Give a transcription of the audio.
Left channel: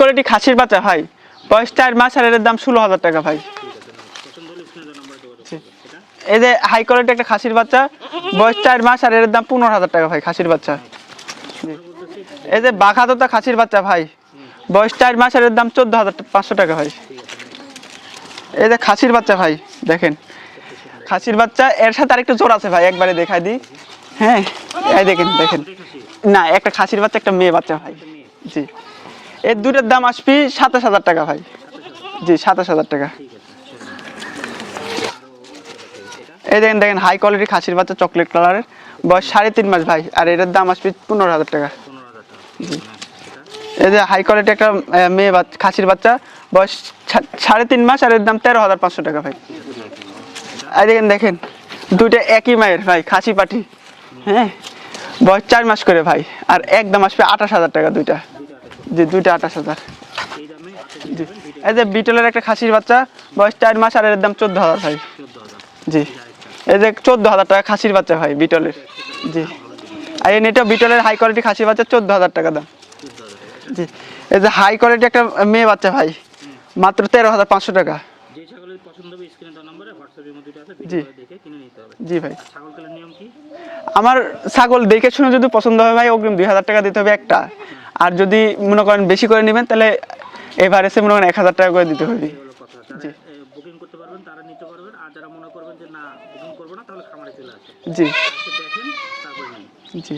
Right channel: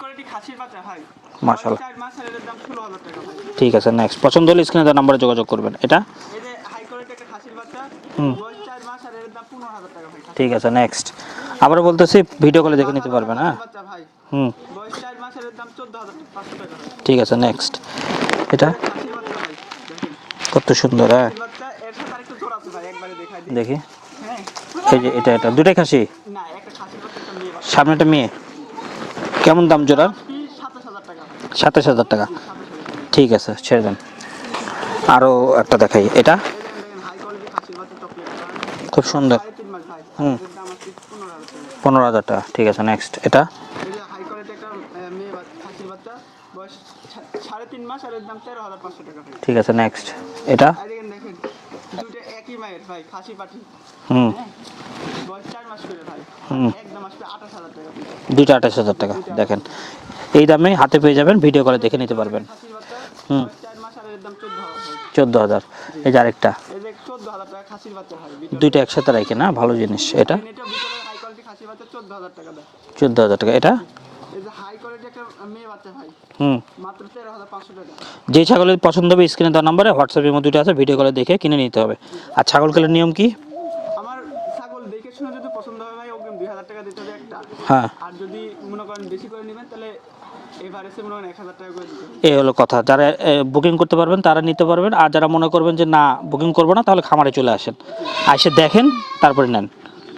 Quality খাসির বাচ্চা ভাই, বয়স 4 মাস আর এর দাম 16,000 টাকা ভাই। ঠিক আছে, নেক্সট। পছন্দ হলে স্ক্রিনে দেওয়া নম্বরে যোগাযোগ করবেন। এটা এই যে হাই কোয়ালিটি একটা খাসির বাচ্চা, বয়স 4 মাস আর এর দাম 15,000 টাকা ভাই খাসির ঠিক আছে, বাচ্চা। নেক্সট। আবার বলতেছি ভিডিও এই যে করে দেখে নিতে বাঘাদোতা পারবেন, খাসির হ্যাঁ? বাচ্চা ভাই, বয়স 4 মাস আর এর দাম 14,500 টাকা ভাই। ঠিক আছে, নেক্সট। এই যে খাসির বাচ্চা ভাই, দেখেন কত সুন্দর, হ্যাঁ। খাসির বাচ্চা, এর সাথে আরেকটু জোড়া আছে ভাই, একবারে দেখাই দিই। দেখি। হ্যাঁ, এই দেখেন এটা দেখেন। দুটাই খাসি? না, একটা খাসির বাচ্চা একটা মেয়ে বাচ্চা। সামনেটা মেয়ে। জি। কেমন দাম দাম জোড়া? আসবে 27,000 টাকা ভাই। 27,000 টাকা? জি, 27,000 টাকা। ঠিক আছে, ছেড়ে দেন। আরো একটা দেখাই। এটা এই দেখেন দেখেন হাই কোয়ালিটি খাসির বাচ্চা, চকলেট কালারের, খুব বয়স সুন্দর। 3.5 মাস ভাই, আর এর দাম আসবে 15,000 টাকা। 15,000 টাকা। ঠিক আছে, নেক্সট। এটা এই যে হাই কোয়ালিটি একটা মেয়ে খাসির বাচ্চা, বয়স 3.5 মাস আর এর দাম 13,500 টাকা ভাই। ঠিক আছে, নেক্সট। এটা এই দেখেন দেখেন, দুইটা একই মায়ের ভাই, খাসি পাঠি। হ্যাঁ, বয়স 4 মাস করে ভাই, আর একদম আসবে 28,000 টাকা দুইটা। দুইটা 28,000 জি, টাকা। দুইটা দেখেন, 28,000। এই দামে হাতে পেয়ে যাবেন, ভিডিও এই করে যে দেখে নিতে বিটলের একটা পারবেন। খাসির বাচ্চা, বয়স 4 মাস আর এর দাম 14,000 ভাই। 14,000। জি। এই যে আরেকটা। এই যে 14,000 টাকা খাসির বাচ্চা ভাই, বিটলের। দুইটা একসাথে রাখে না, ভালো জিনিস। আর এটা এটা বিটলের হাই কোয়ালিটি খাসির বাচ্চা, 14,000 টাকা দাম। 14,000 টাকা। এটা এই যে হাই কোয়ালিটি একটা মেয়ে বাচ্চা ভাই, মাত্র 13,500 টাকা। যে ছাগলের পছন্দ হবে স্ক্রিনে দেওয়া নম্বরে হোয়াটসঅ্যাপের মধ্যে আছে, ভিডিও করে দেখে কিনে নিতে হবে। জি ভাই। আর ছাগল কেনার নিয়ম কি? আমার ছাগল দেখে শুনে যদি পছন্দ হয় ভাই, অগ্রিম 2,000 টাকা দিতে হবে একটা। হ্যাঁ। আর যদি মনে করেন বেশি করে নেবেন, তাহলে এভারেজে মনে করেন 1,000 টাকা করে দিতে হবে। এই হলো কথা। যারা বুকিং করতে পারবেন তারা নিতে পারবেন, আর যারা মনে করবেন যে না বুকিং করবো না, তাহলে খামারে চলে আসেন, জি এসে দেখেন, তারপরে নেন। জি।